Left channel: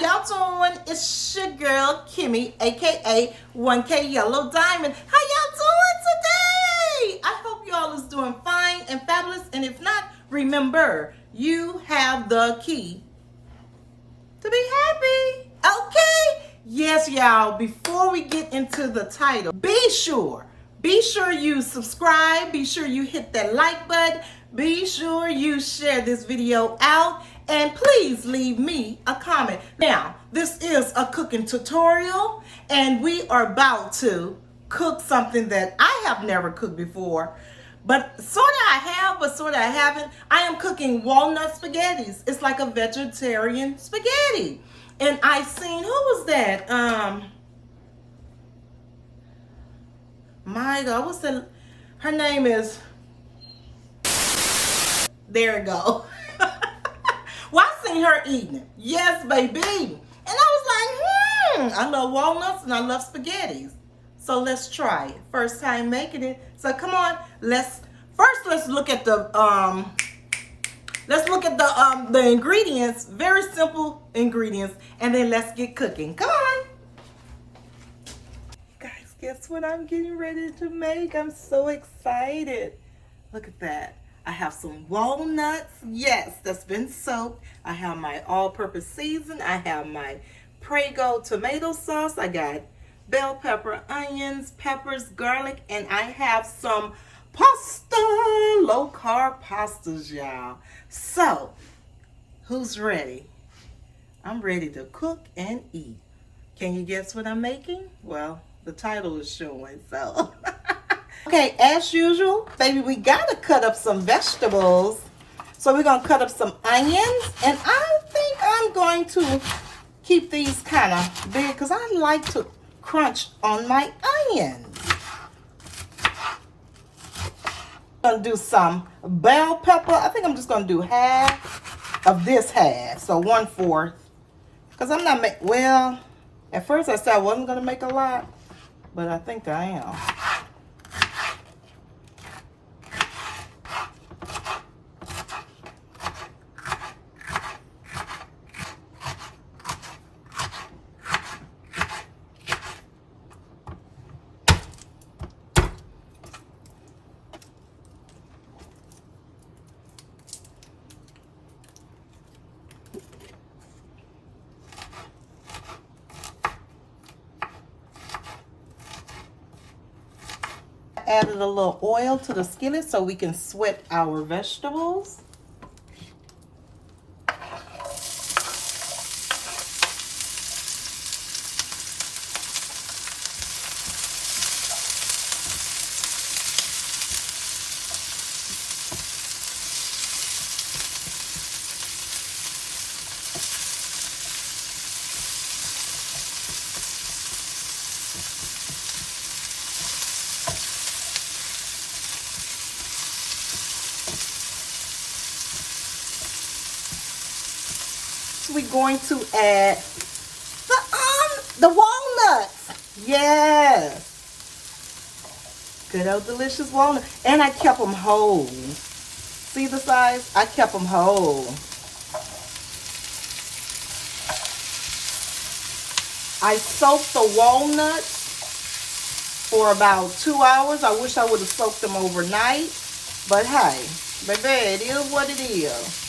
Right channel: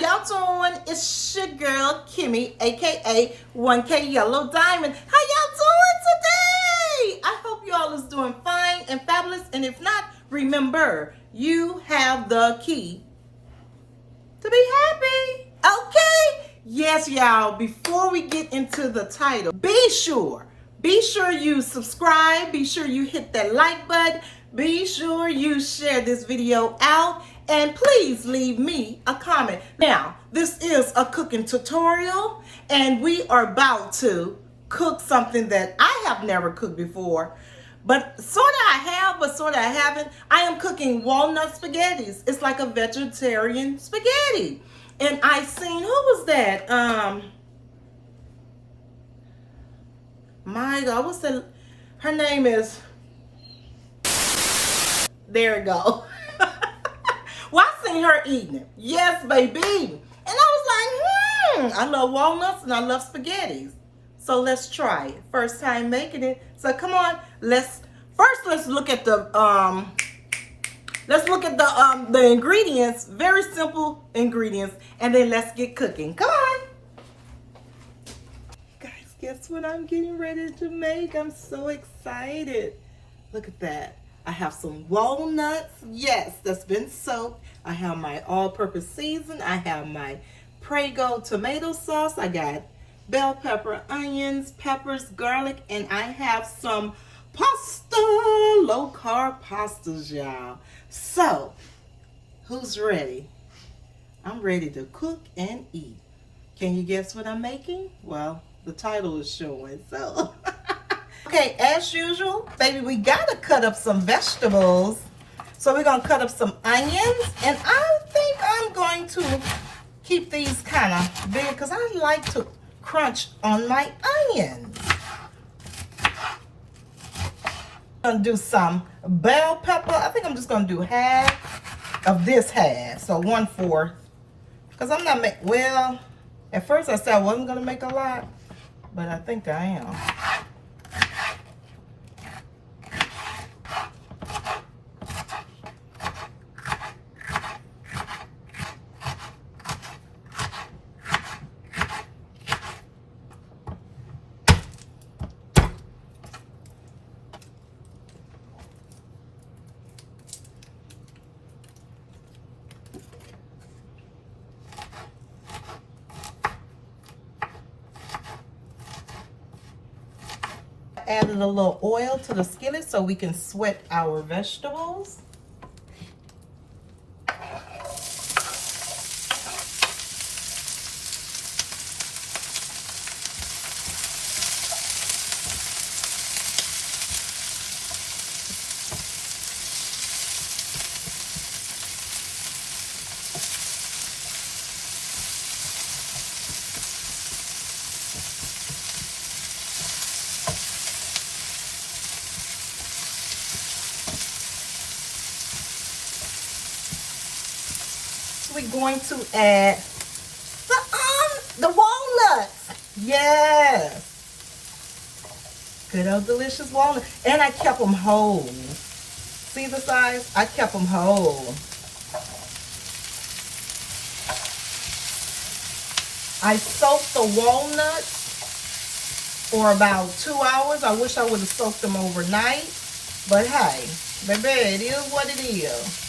y'all doing? It's your girl, Kimmy, aka 1K Yellow Diamond. How y'all doing today? I hope y'all is doing fine and fabulous. And if not, remember, you have the key to be happy. Okay? Yes, y'all, before we get into the title, be sure you subscribe, be sure you hit that like button, be sure you share this video out, and please leave me a comment. Now, this is a cooking tutorial, and we are about to cook something that I have never cooked before. But sort of I have, but sort of I haven't. I am cooking walnut spaghettis. It's like a vegetarian spaghetti. And I seen, who was that? My God, what's the, her name is, there we go. Well, I seen her eating it. Yes, baby. And I was like, I love walnuts and I love spaghettis. So let's try it. First time making it. So come on, let's look at the the ingredients. Very simple ingredients, and then let's get cooking. Come on. Guys, guess what I'm getting ready to make? I'm so excited. Look at that. I have some walnuts, yes, that's been soaked. I have my all-purpose season. I have my Prego tomato sauce. I got bell pepper, onions, peppers, garlic, and I have some pasta, low-carb pastas, y'all. So, who's ready? I'm ready to cook and eat. Can you guess what I'm making? Well, the title is showing, so. Okay, as usual, baby, we gotta cut up some vegetables. So we're gonna cut up some onions, and I think I'm going to keep these kind of big because I like to crunch on my onions. I'm gonna do some bell pepper. I think I'm just gonna do half of this half, so 1/4. Because I'm not making, well, at first I said I wasn't gonna make a lot, but I think I am. Added a little oil to the skillet so we can sweat our vegetables. We're going to add the walnuts. Yes. Good old delicious walnut. And I kept them whole. See the size? I kept them whole. I soaked the walnuts for about 2 hours. I wish I would have soaked them overnight. But hey, baby, it is what it is.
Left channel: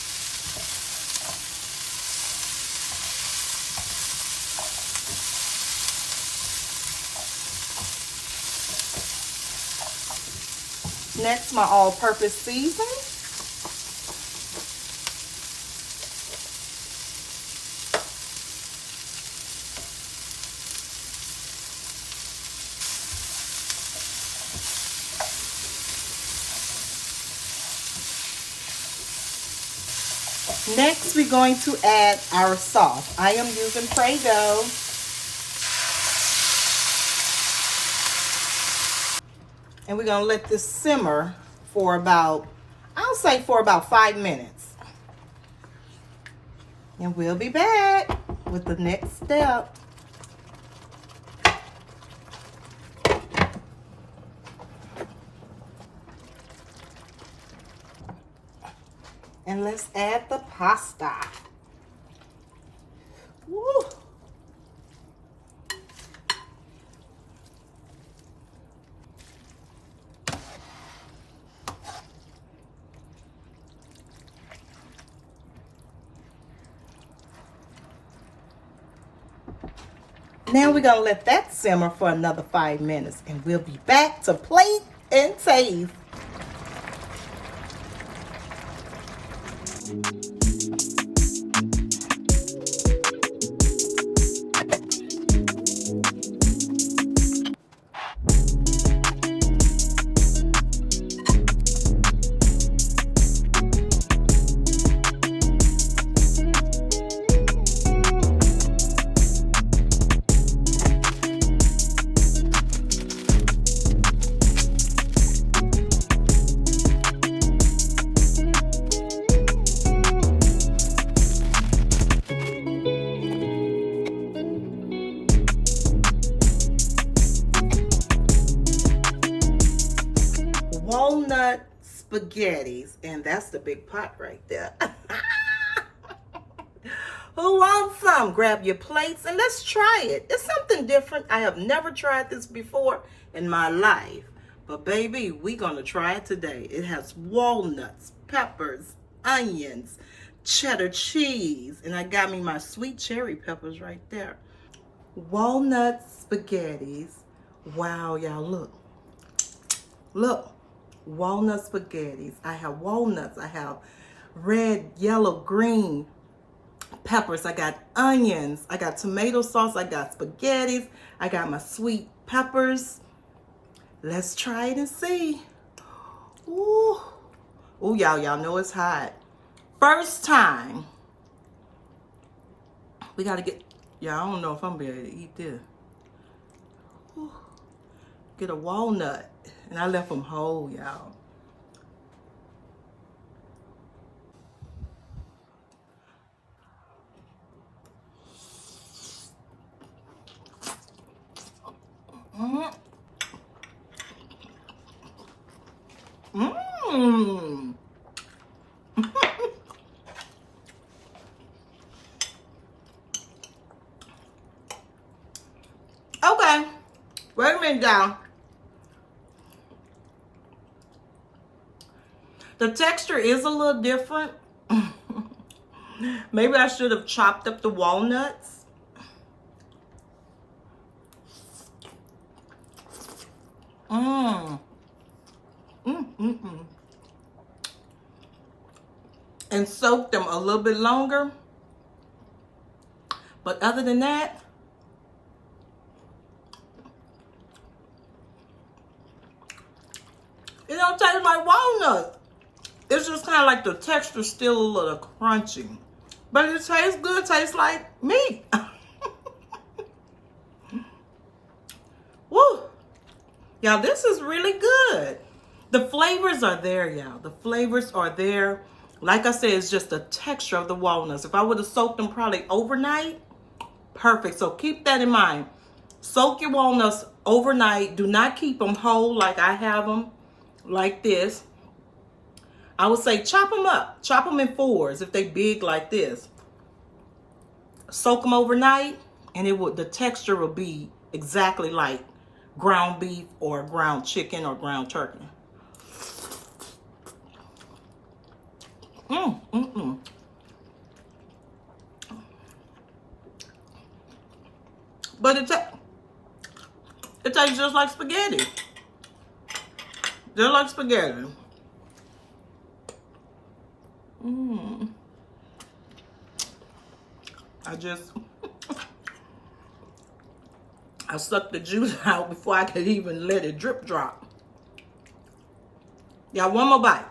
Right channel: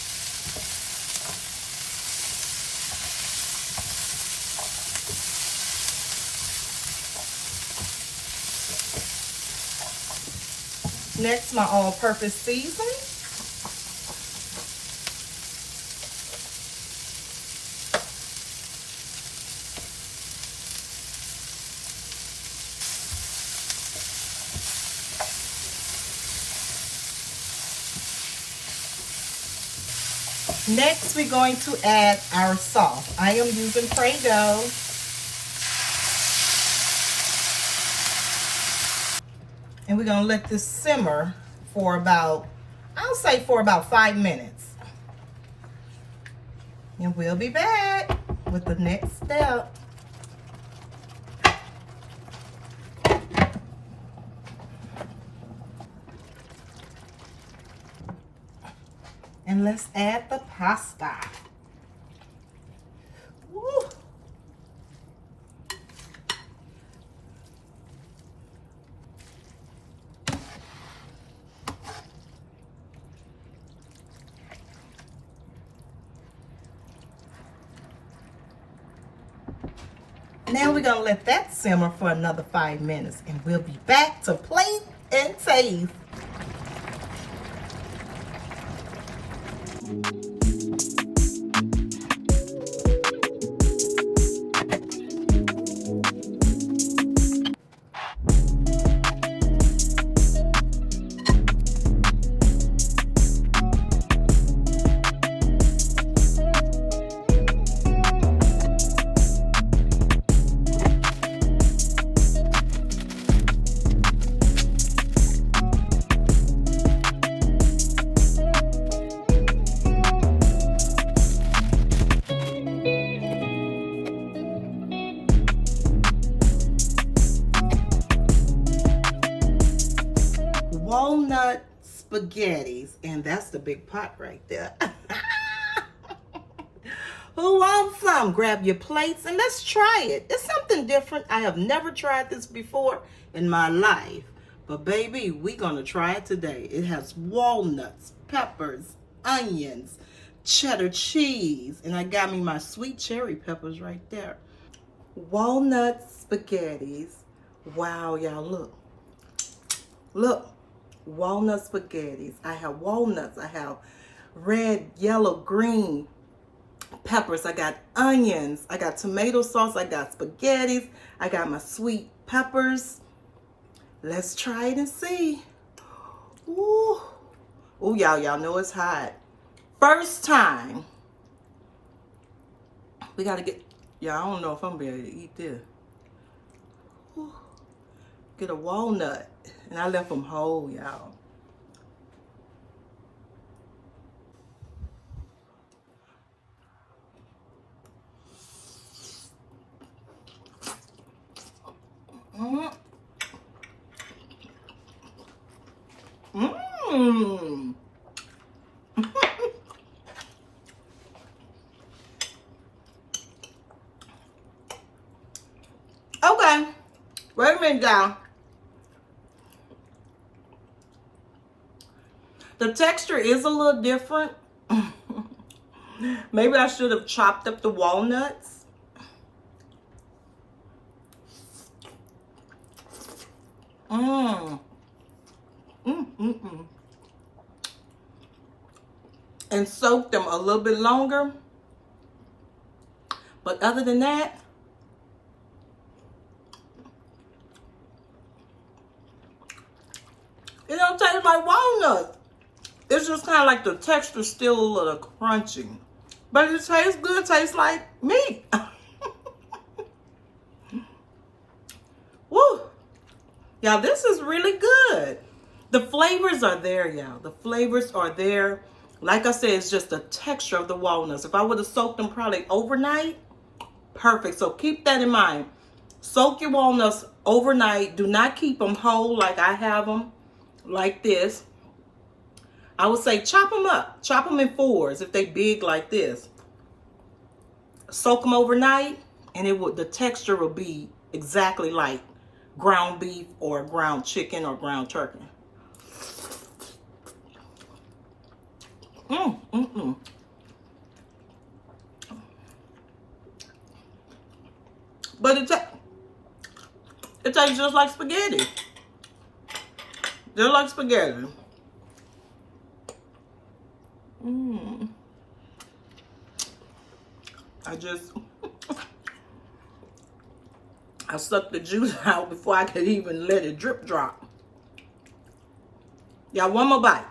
Next, my all-purpose seasoning. Next, we're going to add our sauce. I am using Prego. And we're going to let this simmer for about, I'll say for about 5 minutes. And we'll be back with the next step. And let's add the pasta. Woo. Now we're gonna let that simmer for another 5 minutes, and we'll be back to plate and taste. Walnut spaghettis, and that's the big pot right there. Who wants some? Grab your plates and let's try it. It's something different. I have never tried this before in my life, but baby, we're gonna try it today. It has walnuts, peppers, onions, cheddar cheese, and I got me my sweet cherry peppers right there. Walnut spaghettis. Wow, y'all, look. Look. Walnut spaghettis. I have walnuts. I have red, yellow, green peppers. I got onions. I got tomato sauce. I got spaghettis. I got my sweet peppers. Let's try it and see. Ooh. Ooh, y'all know it's hot. First time. We got to get, I don't know if I'm going to be able to eat this. Ooh. Get a walnut. And I left them whole, y'all. Mmm. Mmm. Okay. Wait a minute, y'all. The texture is a little different. Maybe I should have chopped up the walnuts. And soaked them a little bit longer. But other than that, it don't taste like walnuts. It's just kind of like the texture still a little crunchy. But it tastes good. It tastes like meat. Woo. Y'all, this is really good. The flavors are there, y'all. The flavors are there. Like I said, it's just the texture of the walnuts. If I would have soaked them probably overnight, perfect. So keep that in mind. Soak your walnuts overnight. Do not keep them whole like I have them, like this. I would say chop them up. Chop them in fours if they big like this. Soak them overnight, and the texture will be exactly like ground beef or ground chicken or ground turkey. But it tastes just like spaghetti. Just like spaghetti. I sucked the juice out before I could even let it drip drop. Y'all, one more bite.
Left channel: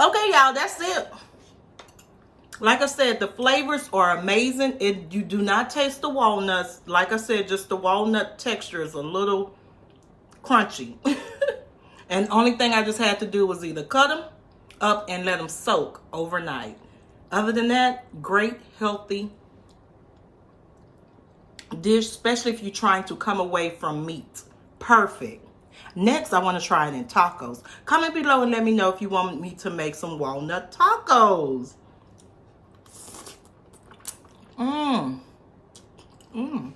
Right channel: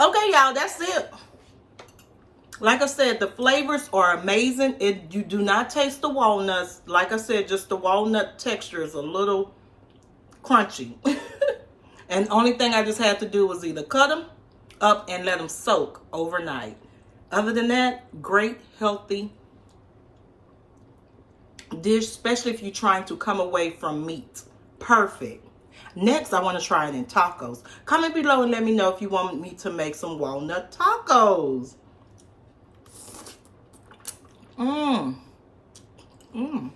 Okay, y'all, that's it. Like I said, the flavors are amazing. You do not taste the walnuts. Like I said, just the walnut texture is a little crunchy. And the only thing I just had to do was either cut them up and let them soak overnight. Other than that, great, healthy dish, especially if you're trying to come away from meat. Perfect. Next, I want to try it in tacos. Comment below and let me know if you want me to make some walnut tacos. Mmm.